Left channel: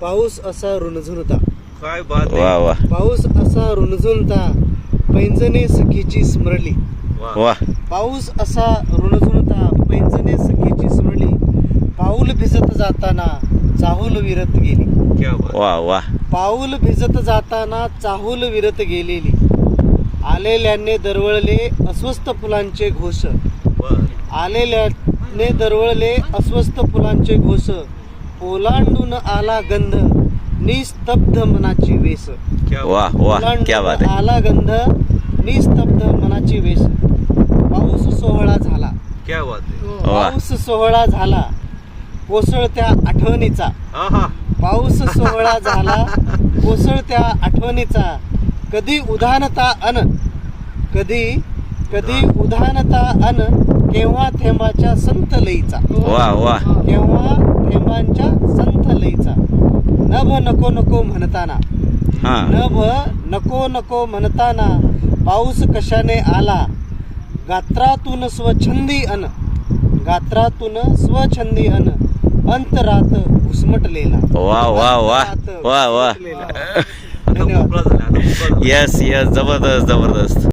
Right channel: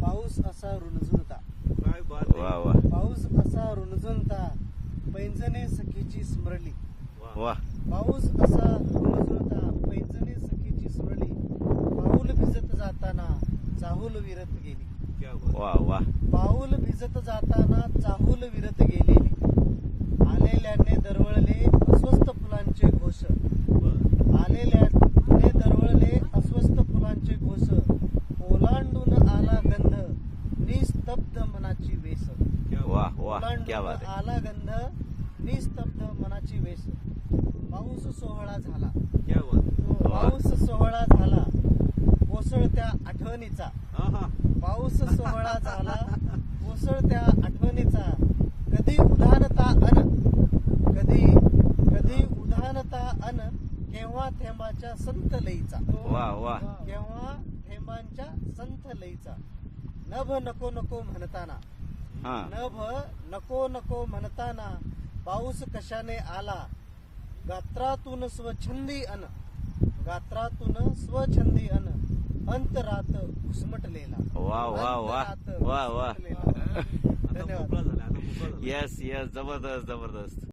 पाऊस असा रुणझुणता. काय बात आहे. वा वा पाऊस असा रुणझुणता, पैंजणे सखीची स्मरली. वा. वा पाऊस असा रुणझुणता, पैंजणे सखीची स्मरली. पाऊल भिजत जाताना चाहूल विरत गेली. क्या बात. वा वा पाऊल भिजत जाताना चाहूल विरत गेलेली. आलेल्याने दरवळले अस्वस्थ फुलांचे घोष. बर. आलेल्याने दरवळले अस्वस्थ फुलांचे घोष. ओलांडून आला गंध, निस्तब्ध मनाची वेस. क्या वा बात. वा क्या बात ओलांडून आहे. आला गंध, निस्तब्ध मनाची वेस. पाऊस सोहळा झाला. क्या बात आहे. वा पाऊस सोहळा झाला कोसळत्या आठवणीचा. आहा. पाऊस सोहळा झाला कोसळत्या आठवणीचा. कधी उधाणता अन, कधी कधी उधाणता अन, केव्हा थेंबाच्या संत लईचा. वा वा केव्हा थेंबांच्या संत लईचा. नभ नको नको म्हणताना, हा नभ नको नको म्हणताना, पाऊस कशाने आला. गात्रातून स्वच्छंदी अन, गात्रातून स्वच्छंदी अन, अंतरात घुसमटलेला. वा वा वा वा वा घुसमटलेला. आता धन्यवाद. मोकळा झाला. आता मोकळा झाला. यस यस जबरदस्त जबरदस्त.